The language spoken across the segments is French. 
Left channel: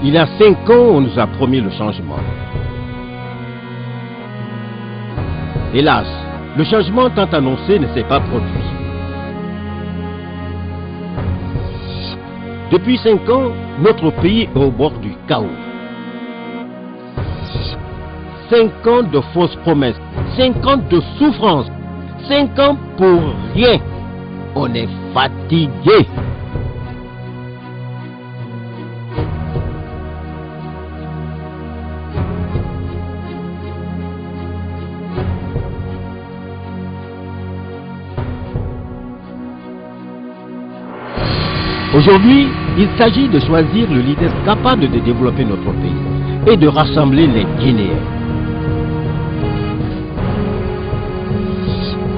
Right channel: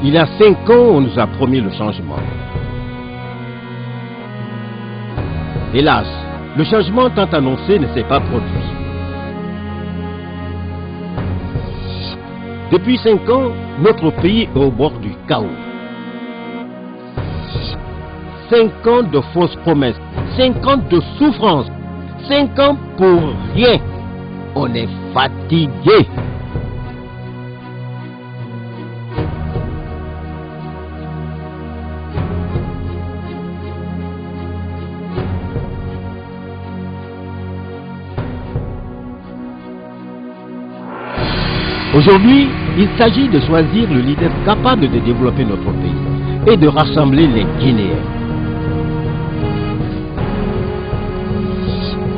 Il y a 5 ans, on nous a promis le changement. Hélas, le changement tant annoncé ne s'est pas produit. Depuis 5 ans, notre pays est au bord du chaos. 5 ans de fausses promesses, 5 ans de souffrance, 5 ans pour rien. On est fatigué. Aujourd'hui, il s'agit de choisir le leader capable de développer notre pays et de rassembler les Guinéens.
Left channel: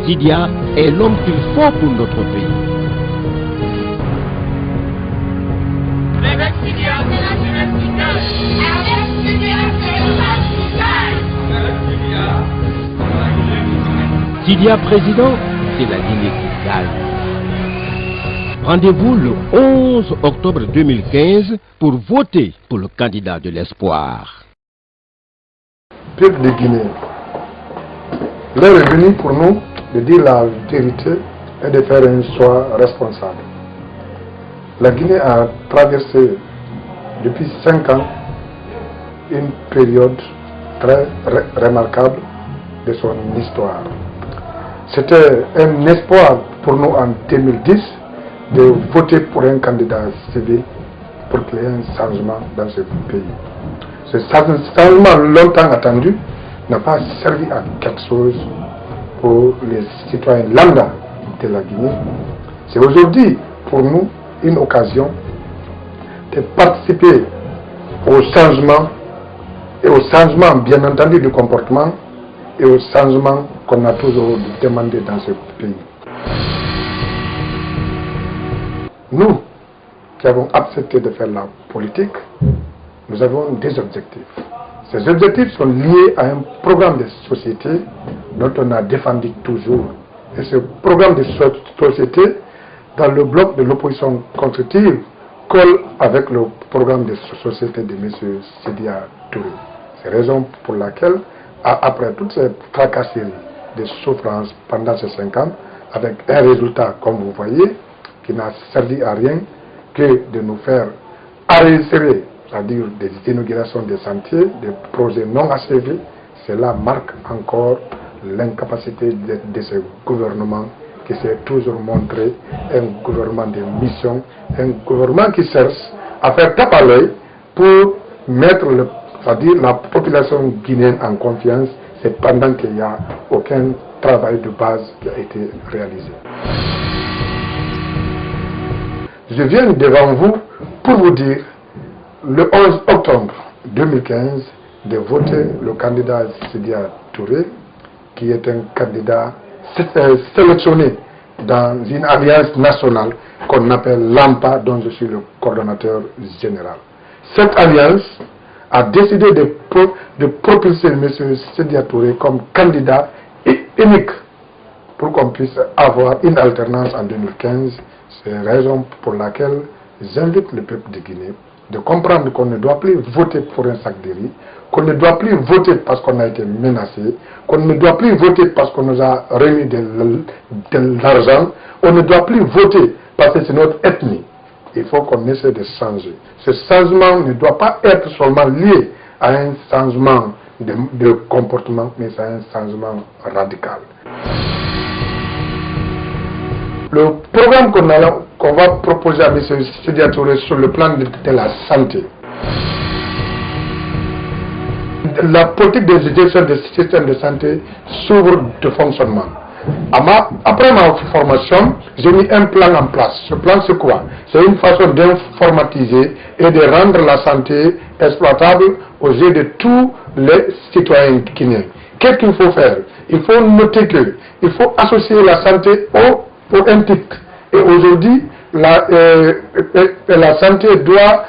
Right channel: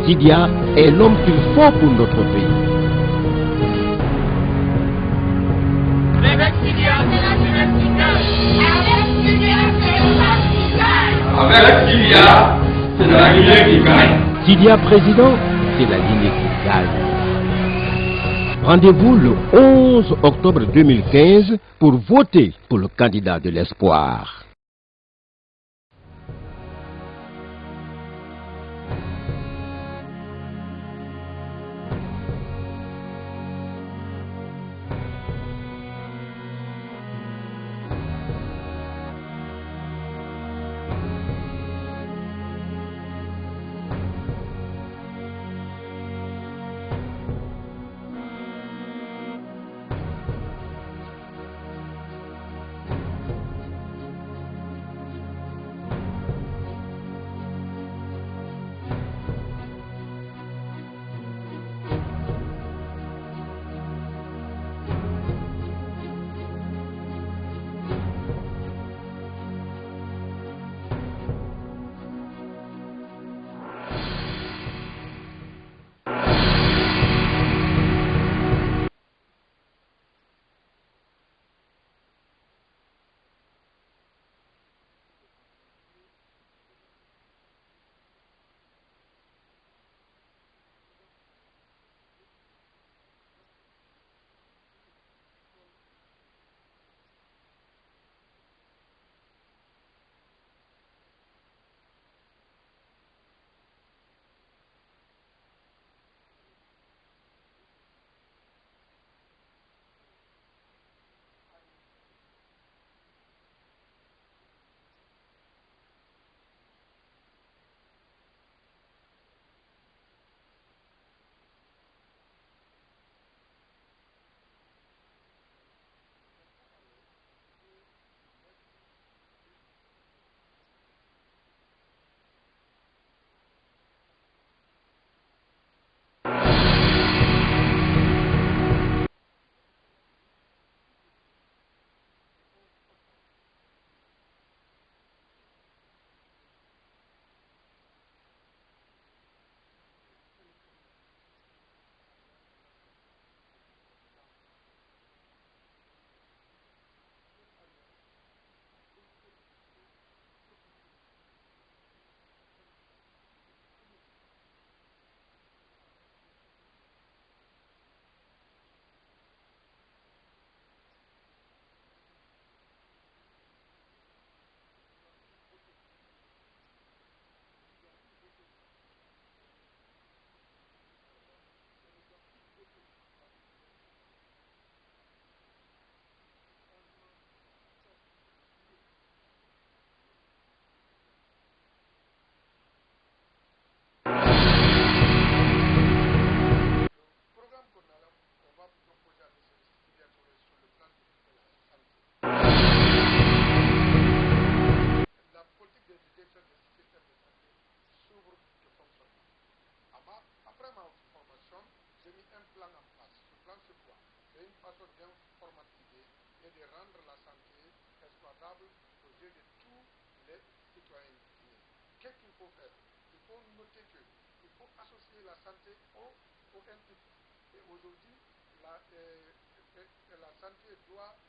Sidia est l'homme qu'il faut pour notre pays. Avec Sidia, c'est la jeunesse qui gagne. Avec Sidia, c'est le peuple qui gagne. Avec Sidia, c'est la Guinée qui gagne. Sidia président, c'est la Guinée qui gagne. Rendez-vous le 11 octobre 2015 pour voter pour le candidat de l'espoir. Peuple de Guinée, l'heure est venue pour nous de dire la vérité et de faire un choix responsable. La Guinée a traversé depuis 5 ans une période très remarquable de son histoire. C'était un espoir pour nous en 2010 de voter pour un candidat civil pour qu'il y ait un changement dans ce pays. Ce changement longtemps attendu n'a pas servi à quelque chose pour les citoyens lambda de la Guinée. C'est aujourd'hui pour nous une occasion de participer au changement et au changement bien entendu du comportement et au changement qu'on a toujours demandé dans ce pays. Nous, qui avons accepté de faire la politique, nous avons des objectifs. Ces objectifs sont liés à un programme de société dont on a défendu toujours. Et ce programme de société, dans le bloc de l'opposition constructive, colle avec le programme de société de M. Sidia Touré. C'est la raison pour laquelle, après toutes ces tracasseries, des souffrances pendant ces 5 ans, avec un résultat, comme vous voyez, qui n'a servi à rien que de nous faire arrêter, c'est-à-dire des inaugurations des sentiers, des projets non achevés. Cela marque encore l'incapacité de ce gouvernement qui s'est toujours montré un gouvernement de mission, un gouvernement qui cherche à faire tape à l'œil pour mettre c'est-à-dire la population guinéenne en confiance, c'est pendant qu'il n'y a aucun travail de base qui a été réalisé. Je viens devant vous pour vous dire, le 11 octobre 2015, de voter le candidat Sidia Touré, qui est un candidat sélectionné dans une alliance nationale qu'on appelle l'AMPA, dont je suis le coordonnateur général. Cette alliance a décidé de propulser M. Sidia Touré comme candidat unique pour qu'on puisse avoir une alternance en 2015. C'est la raison pour laquelle j'invite le peuple de Guinée de comprendre qu'on ne doit plus voter pour un sac de riz, qu'on ne doit plus voter parce qu'on a été menacé, qu'on ne doit plus voter parce qu'on nous a remis de l'argent, on ne doit plus voter parce que c'est notre ethnie. Il faut qu'on essaie de changer. Ce changement ne doit pas être seulement lié à un changement de comportement, mais c'est un changement radical. Le programme qu'on va proposer à M. Sidia Touré sur le plan de la santé, la politique de gestion des systèmes de santé s'ouvre de fonctionnement. Après ma formation, j'ai mis un plan en place. Ce plan, c'est quoi? C'est une façon d'informatiser et de rendre la santé exploitable aux yeux de tous les citoyens guinéens. Qu'est-ce qu'il faut faire? Il faut noter qu'il faut associer la santé au titre. Et aujourd'hui, la santé doit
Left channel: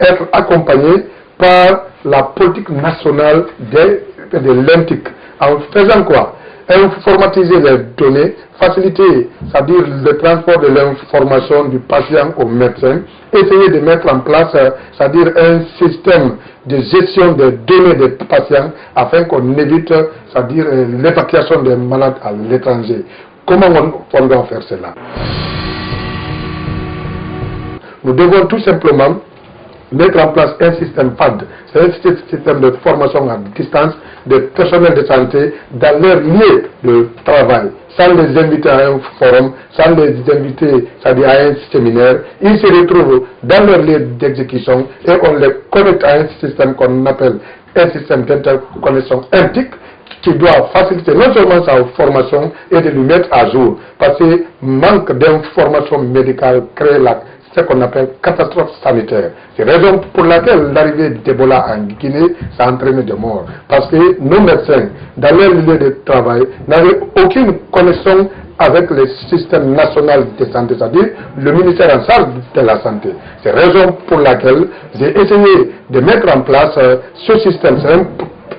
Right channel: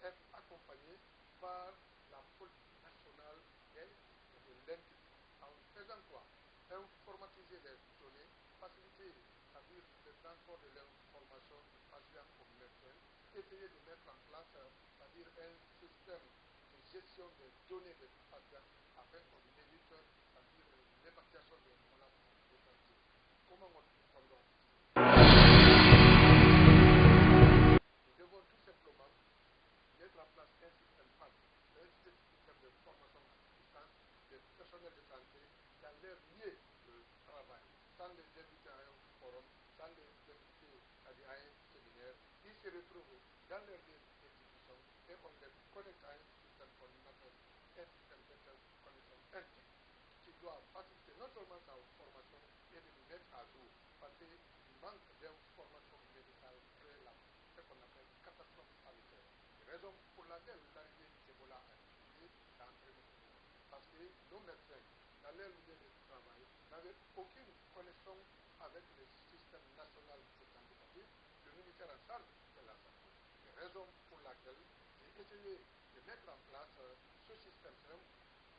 être accompagnée par la politique nationale de l'INTIC. En faisant quoi? informatiser les données, faciliter, c'est-à-dire le transport de l'information du patient au médecin, essayer de mettre en place, c'est-à-dire un système de gestion des données des patients afin qu'on évite, c'est-à-dire l'évacuation des malades à l'étranger. Comment on doit faire cela? Nous devons tout simplement mettre en place un système FAD, c'est un système de formation à distance des personnels de santé dans leur lieu de travail, sans les inviter à un forum, sans les inviter, c'est-à-dire à un séminaire. Ils se retrouvent dans leur lieu d'exécution et on les connecte à un système qu'on appelle un système d'interconnexion intique qui doit faciliter non seulement sa formation et de lui mettre à jour, parce que manque d'information médicale crée ce qu'on appelle catastrophe sanitaire. C'est la raison pour laquelle l'arrivée d'Ebola en Guinée, ça a entraîné des morts. Parce que nos médecins, dans leur lieu de travail, n'avaient aucune connexion avec le système national de santé, c'est-à-dire le ministère en charge de la santé. C'est la raison pour laquelle j'ai essayé de mettre en place ce système.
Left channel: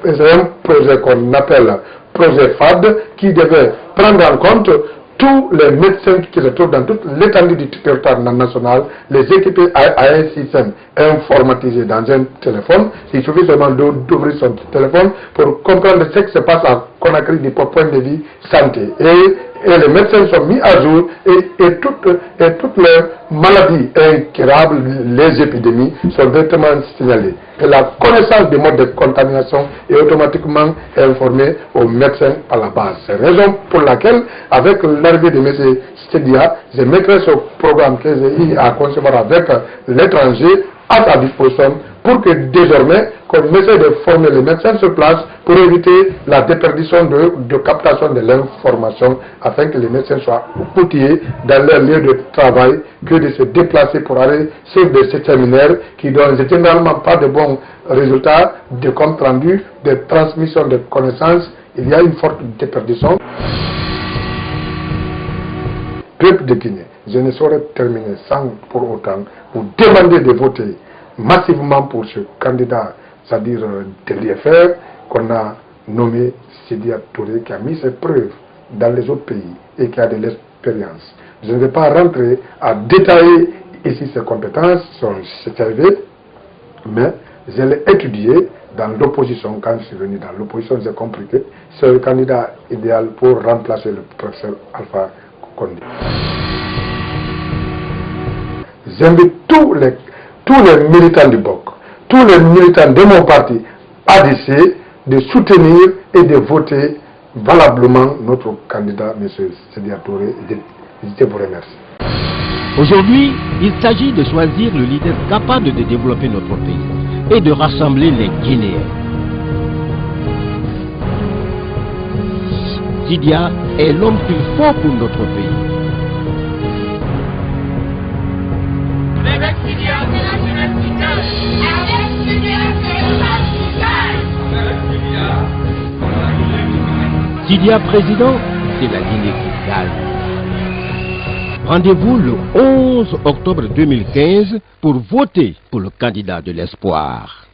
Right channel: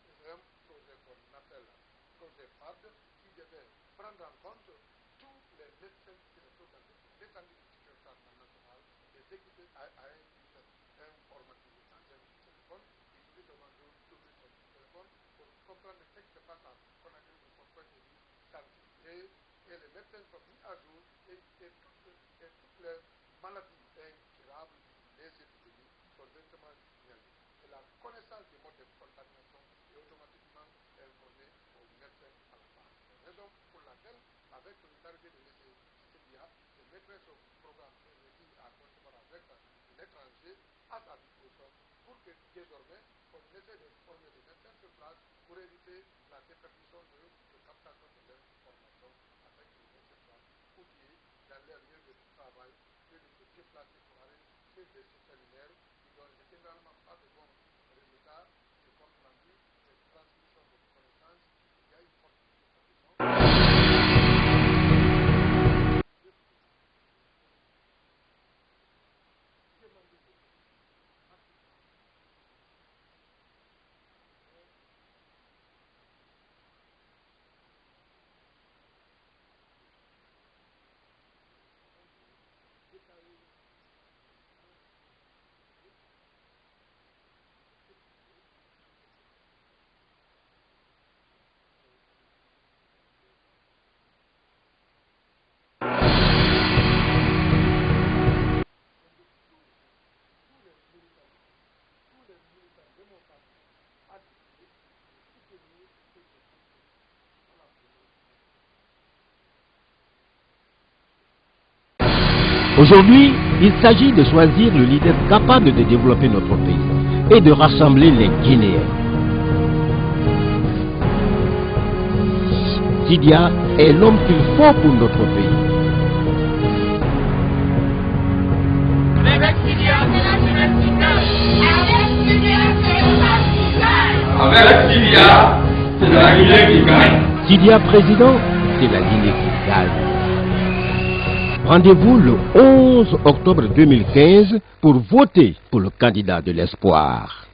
C'est un projet qu'on appelle projet FAD qui devait prendre en compte tous les médecins qui se trouvent dans toute l'étendue du territoire national, les équiper à un système informatisé dans un téléphone. Il suffit seulement d'ouvrir son téléphone pour comprendre ce qui se passe à Conakry du point de vue santé. Et les médecins sont mis à jour et toutes les maladies incurables, les épidémies, sont directement signalées. Et la connaissance des modes de contamination est automatiquement informée aux médecins à la base. C'est la raison pour laquelle, avec l'arrivée de M. Sedia, je mettrai ce programme que j'ai eu à concevoir avec l'étranger à sa disposition pour que désormais qu'on essaie de former les médecins sur place pour éviter la déperdition de captation de l'information afin que les médecins soient outillés dans leur lieu de travail que de se déplacer pour aller sur des séminaires qui donnent généralement pas de bons résultats, de compte rendu, de transmission de connaissances. Il y a une forte déperdition. Peuple de Guinée, je ne saurais terminer sans pour autant vous demander de voter massivement pour ce candidat, c'est-à-dire de l'IFR, qu'on a nommé Sedia Touré, qui a mis ses preuves dans les autres pays et qui a de l'expérience. Je ne vais pas rentrer à détailler ici ses compétences, son CV, mais je l'ai étudié dans l'opposition. Quand je suis venu dans l'opposition, j'ai compris que c'est le candidat idéal pour remplacer le professeur Alpha Condé. J'invite tous les militants du BOC, tous les militants de mon parti ADC, de soutenir et de voter valablement notre candidat, M. Sedia Touré. Je vous remercie. Aujourd'hui, il s'agit de choisir le leader capable de développer notre pays et de rassembler les Guinéens. Sedia est l'homme qu'il faut pour notre pays. Avec Sedia, c'est la jeunesse qui gagne. Avec Sedia, c'est la qui gagne. Avec Sedia, c'est la Guinée qui gagne. Sedia président, c'est la Guinée qui gagne. Rendez-vous le 11 octobre 2015 pour voter pour le candidat de l'espoir.